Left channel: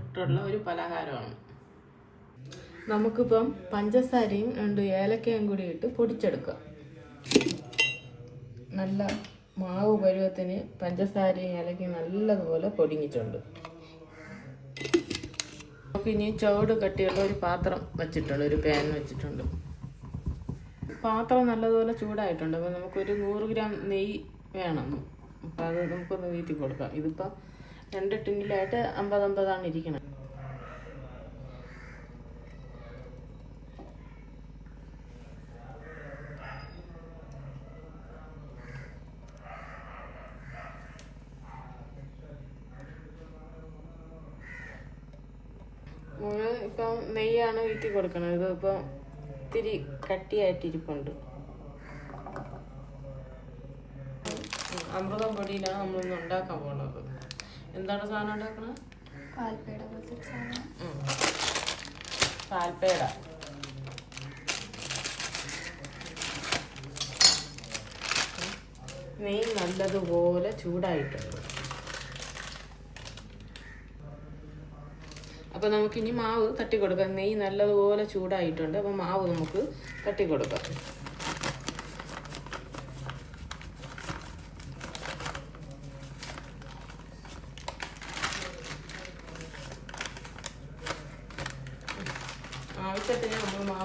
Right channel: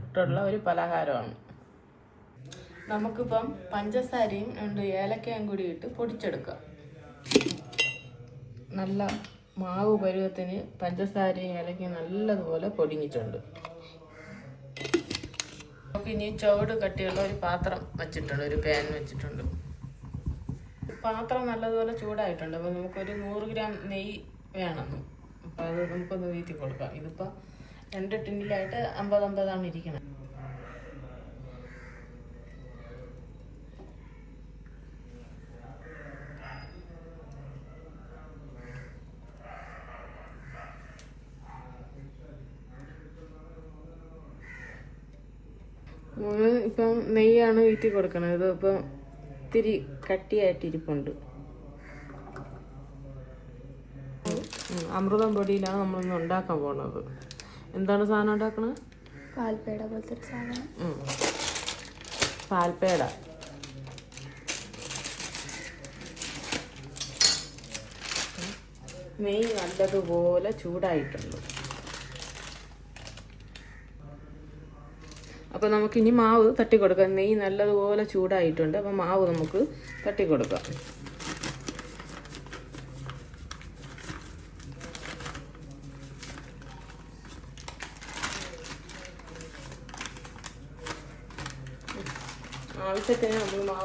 ആയിട്ടുള്ള ഒരു പലഹാരമാണ്. നമുക്കിപ്പം പഞ്ചസാരയും രണ്ട് ഏലക്കയും കൂടി ഇട്ട് പൊടിച്ചെടുക്കാം. നല്ല മാവ് പരുവത്തിന് പഞ്ചസാരയും ഏലക്കയും നല്ലതുപോലെ പൊടിഞ്ഞിട്ടുണ്ട്. നമുക്ക് ഇനി ചുവട് കട്ടിയുള്ള ഒരു പാത്രം വെച്ചിട്ടുണ്ട് ഒരു പാൻ വെച്ചിട്ടുണ്ട്. പാത്രം നല്ലതുപോലെ ചൂടായിട്ടുണ്ട്. അപ്പോൾ നമുക്കൊരു നൂറ് ഗ്രാം നെയ്യ് വേണം. അപ്പോൾ അത് നമുക്കൊന്ന് വീറ്റി കൊടുക്കാം ഇതിപ്പോൾ രണ്ട് ടിന്നിലായിട്ട് അമ്പത് അമ്പതാണ് ഇരിക്കുന്നത് നമ്മൾ ഇപ്പം നെയ്യാണ് വീട്ടി കൊടുക്കണത്. അപ്പം ഇത്തിരി കട്ടിയായിട്ടിരിപ്പുണ്ട് അമൃതം പൊടിയിലാണ് നമ്മളിന്ന് ഉണ്ടാക്കാൻ പോണത്. എന്താണ് സാധനം ഉണ്ടാക്കണത്? പാൽപ്പേട പോലത്തെ ഒരു സാധനം. ഉം. പാൽപ്പേട. നെയ്യ് നല്ലതുപോലെ ചൂടായിട്ടുണ്ട്. അപ്പൊ നമുക്ക് ഇനി മാവ് തട്ടി കൊടുക്കാം നെയ്യ് നല്ലതുപോലെ ചൂടായിട്ടുണ്ട്. അപ്പൊ മാവ് നമുക്ക് തട്ടി കൊടുക്കാം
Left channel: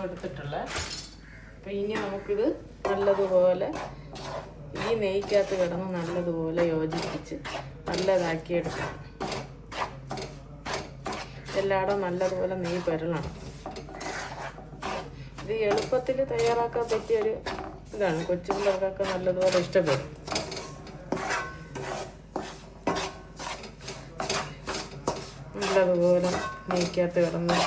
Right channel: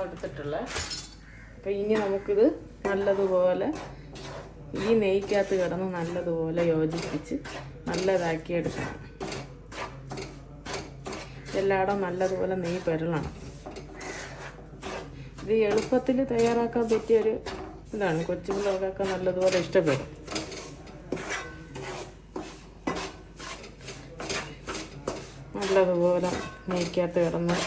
എടുത്തിട്ടുള്ള ഇനി നമുക്കിത് നല്ലതുപോലെ ഈ നെയ്ക്കകത്ത് കിടന്ന് നല്ലതുപോലെ യോജിപ്പിച്ച് നല്ലതാക്കി എടുക്കണം എല്ലായിടം നല്ലതുപോലെ നെയ്യ് പരളണം. ഇത് എളുപ്പത്തിൽ തയ്യാറാക്കാൻ പറ്റിയൊരു ഇതാണ്. കൊച്ചുപിള്ളേർക്കൊക്കെ നല്ലതുപോലെ ഇഷ്ടപ്പെടും. നല്ലതുപോലെ നെയ്ക്കകത്ത് കിടന്ന്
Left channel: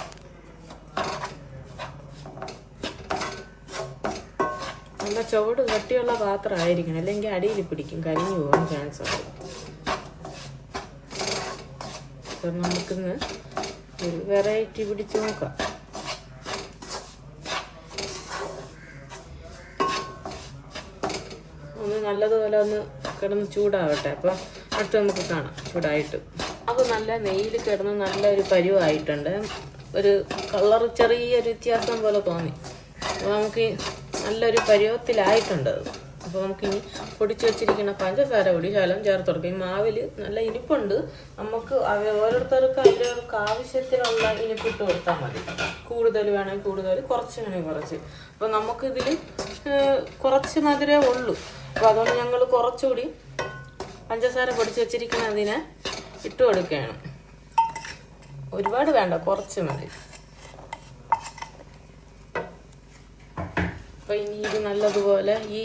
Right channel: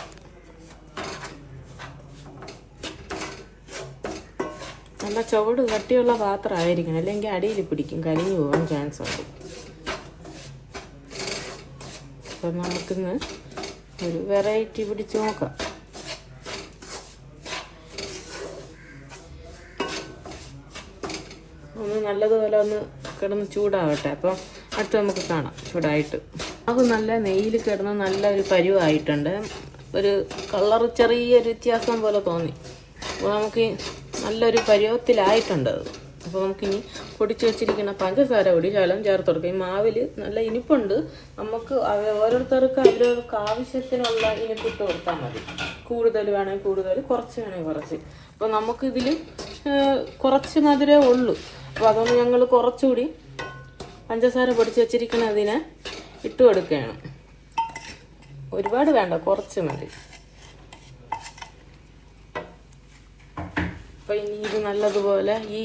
നല്ല ചുവട് കട്ടിയുള്ള പാത്രമായിരിക്കണം. അല്ലെങ്കിൽ അടിയിൽ പിടിക്കും. കരിഞ്ഞു പോകാൻ ചാൻസ് ഉണ്ട്. അപ്പം നമുക്കിന്ന് ഒരു വെറൈറ്റി പിടിച്ച് നോക്കാം. ഒന്ന് നല്ലതുപോലെ ഒന്ന് കിടന്ന് ചൂടാവട്ടെ. അപ്പം അടുത്ത് നമുക്ക് കാണാം ചൂടായിട്ട്. അത് നല്ല നെയ്യിൽ കിടന്ന് നല്ലൊരു പരിവായിട്ടുണ്ട്. ഒരു കളർ ചെറിയൊരു വ്യത്യാസം പോലെ തോന്നി. അപ്പോൾ നമുക്ക് നല്ലൊരു പരുവത്തിലായിട്ടുണ്ട് അത്. അപ്പോൾ നമുക്ക് ഇനി പൊടിച്ചു വെച്ചിരിക്കുന്ന പഞ്ചസാര കൂടി ശകലം ചേർത്ത് കൊടുക്കും. ഈ മാവിൽ നല്ല ഇനിപ്പുണ്ട്. നമുക്ക് ഓരോരുത്തർക്കും അവരവർക്ക് ആവശ്യത്തിനുള്ള ഇനിപ്പ് ഇട്ട് കൊടുത്താൽ മതി. കൂടുതൽ വേണമെങ്കിൽ കൂടുതൽ കുറച്ച് വേണമെങ്കിൽ കുറച്ച്. അപ്പോൾ നമുക്കിതിൽ കുറച്ച് മധുരമേ ഉള്ളൂ. അപ്പോൾ അതുകൊണ്ട് ഞങ്ങൾ കുറച്ചുകൂടി പഞ്ചസാര പൊടിച്ച് വെച്ചിരിക്കുന്നതിനെ ഇട്ട് കൊടുക്കുകയാണ്. ഒരുപാട് വേണ്ട കുറച്ച് മതി. അപ്പൊ ഇനി ഇത് നല്ലതുപോലെ ഈ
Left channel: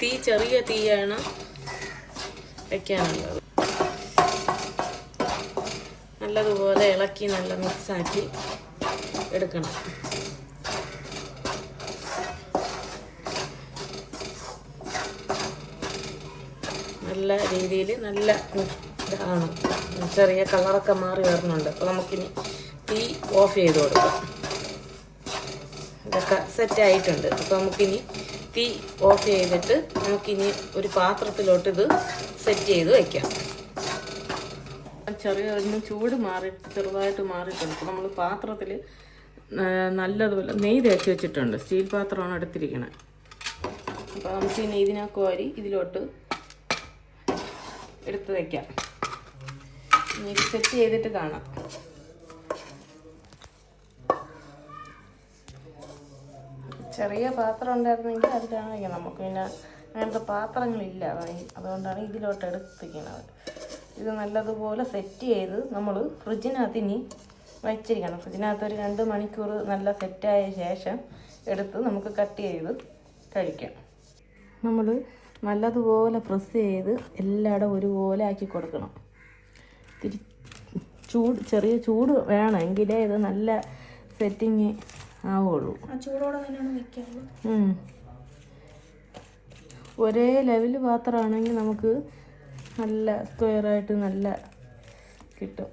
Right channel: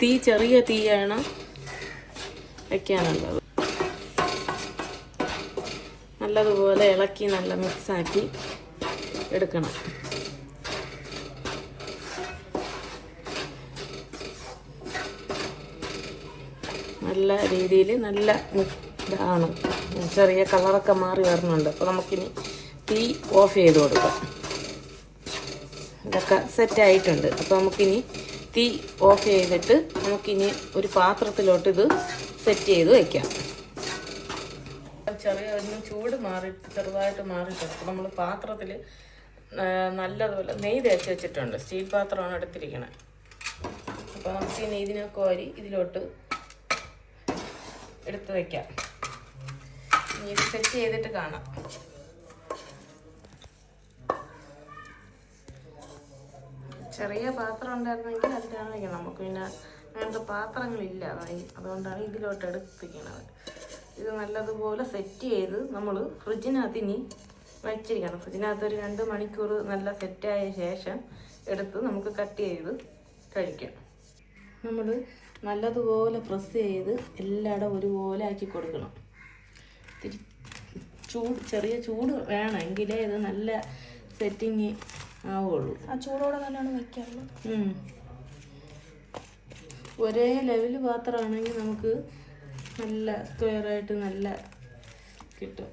തീ ചെറിയ തീയാണ് വയ്ക്കാനുള്ളത് നല്ലതുപോലെ ഇളക്കി നല്ല മിക്സാക്കി എടുക്കണം. നല്ല രീതിയിൽ നല്ല ഇതാണ്. ചെറിയ കളറൊക്കെ മാറി വരുന്നുണ്ട്. അപ്പോൾ നമുക്കിനി തീ ഓഫ് ചെയ്ത് കൊടുക്കാം. ഇതൊക്കെ സെറ്റ് ആയിട്ടുണ്ട്. അപ്പോൾ നമുക്കിനി തീ ഓഫ് ചെയ്തിട്ട് നമുക്കിനി ഒരു പാത്രത്തിലോട്ട് ഇത് സെറ്റ് ചെയ്ത് വെക്കാം. ചെറിയ ചൂട് മാറി ചെറുതായിട്ട് മാറിയിട്ടുണ്ട് നമ്മൾ പാത്രത്തിൽ നല്ലതുപോലെ നെയ് തേച്ച് വെച്ചിട്ടുണ്ട്. സ്റ്റീൽ പാത്രമാണ് എടുത്തിരിക്കുന്നത് അപ്പോൾ നമുക്ക് ഈ നെയ്തിനൊക്കെ വാരി ഇതിലോട്ട് എടുത്ത് ഇനി ഇത് സെറ്റ് ചെയ്തിട്ട് കാണാം. ചെറിയ പാത്രം ഉണ്ടായിരുന്നെങ്കിൽ അതിലാണ് വയ്ക്കണം. നമുക്ക് പിന്നെ അങ്ങനത്തെ പാത്രങ്ങളില്ല അതുകൊണ്ടാണ് ഇതിലോട്ട് എടുത്തിരിക്കുന്നത്. ഇത് നല്ലതുപോലെ സെറ്റ് ചെയ്ത് നമ്മൾ ഫ്രിഡ്ജിനകത്ത് ഇനി വച്ചിരിക്കണം. ഫ്രിഡ്ജിനകത്ത് ഒരു രണ്ട് മണിക്കൂർ നല്ല സെറ്റായ ശേഷം എടുത്ത് നമുക്ക് കട്ട് ചെയ്ത് കഴിക്കാം. നമ്മൾ നല്ലതുപോലെ പ്രസ് ചെയ്ത് എല്ലായിടും ഒരുപോലെ ആക്കി കൊടുക്കണം. തിരി ചൂട് ചെറിയ ചൂട് വേണം. എങ്കിലേ ഇത് നല്ല സെറ്റിങ് ആവുള്ളൂ. ആ ചൂടോടെ തന്നെയാണ് വെക്കാറുള്ളത് ഉം. ഒരേ ലെവൽ പാത്രമാണെങ്കിൽ നമുക്ക് നല്ല സ്ക്വയറായിട്ട് നല്ല കിട്ടും.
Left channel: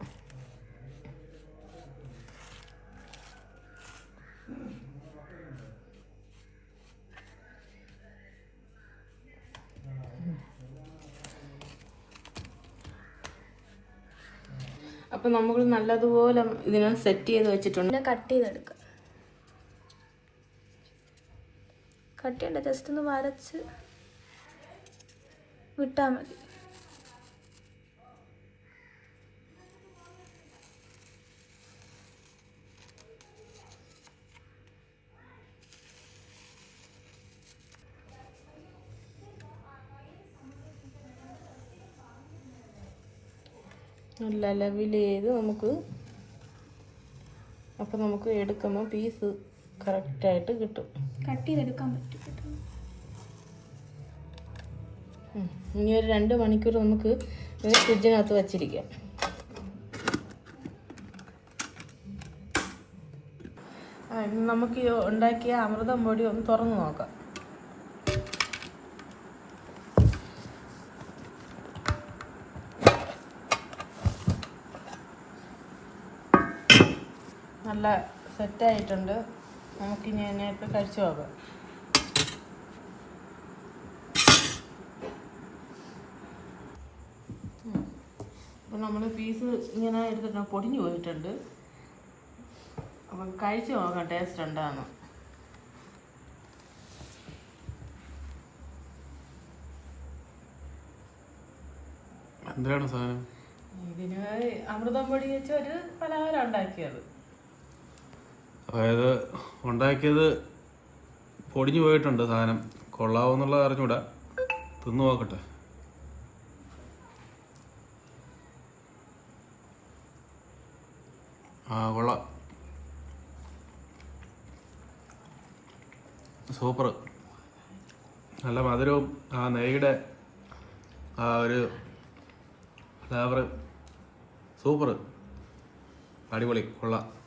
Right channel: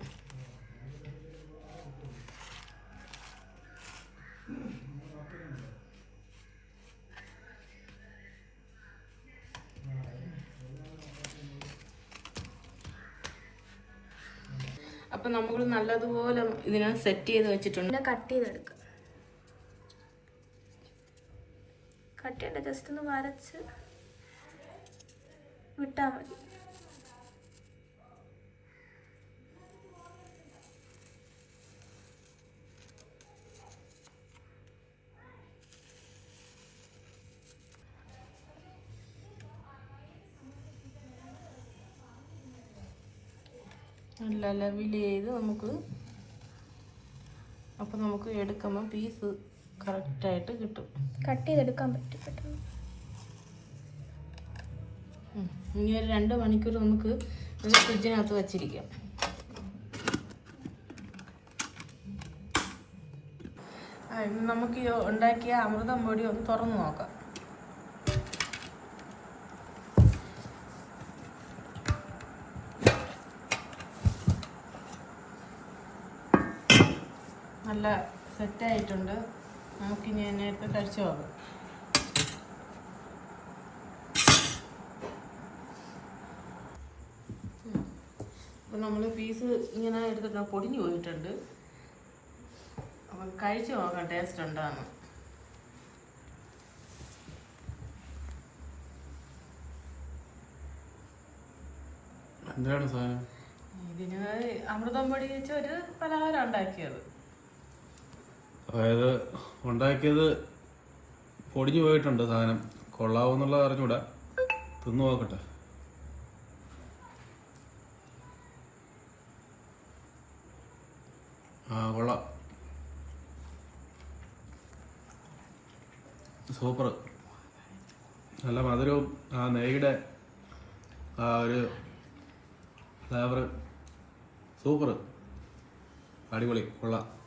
അപ്പം നമ്മൾ നല്ലതുപോലെ ഇതിനെ സെറ്റ് ചെയ്ത് വെച്ചിട്ടുണ്ട്. കട്ട് ചെയ്തെടുക്കുക കട്ട് ചെയ്യണ്ട ജസ്റ്റ് ഒന്ന് വരച്ച് വിട്ടാൽ മതി. നല്ല ലെവൽ ചെയ്ത് നമുക്ക്? അപ്പം നമുക്ക് എടുക്കുമ്പോൾ പീസ് കറക്റ്റായിട്ട് കിട്ടും. കട്ട്. ചെയ്തെടുക്കാൻ പറ്റും. ഇനി ഒരു രണ്ട് മണിക്കൂർ നമുക്ക് ഫ്രിഡ്ജിനകത്ത് വച്ചിരിക്കാം. നമുക്ക് ഉണ്ടാക്കിയ അമൃതം പൊടി ഒന്ന് തുറന്നു നോക്കാം. നല്ല സെറ്റായിട്ടുണ്ട് നമുക്കിനി അതിനെയൊക്കെ കഴിച്ചു നോക്കാം. അപ്പം നമ്മൾ പീസ് ഇങ്ങനെ എടുത്തിട്ട് പൊടിഞ്ഞു പോയിട്ടുണ്ട്. അപ്പം കഴിച്ചു നോക്കാം ടേസ്റ്റ് ഉണ്ടാകുന്നു എന്താണ് സാധനം? ഇതിന് അമൃതം പൊടി വെച്ച് ഒരു പലഹാരം ഉണ്ടാക്കിയത്. അതായത് ഉണ്ടാക്കിയത് പൊടിഞ്ഞു പോയിട്ടുണ്ട് സാധനം. കൊള്ളാവെന്നുള്ളത് അറിഞ്ഞൂടാ. തിന്നു നോക്കട്ടെ. ആ കൊള്ളാം. സൂപ്പർ. നല്ല മധുരവും ആ നെയ്യുടെ ആ ഒരു ഫ്ലേവർ സൂപ്പർ. അടിപൊളി. കൊള്ളാം.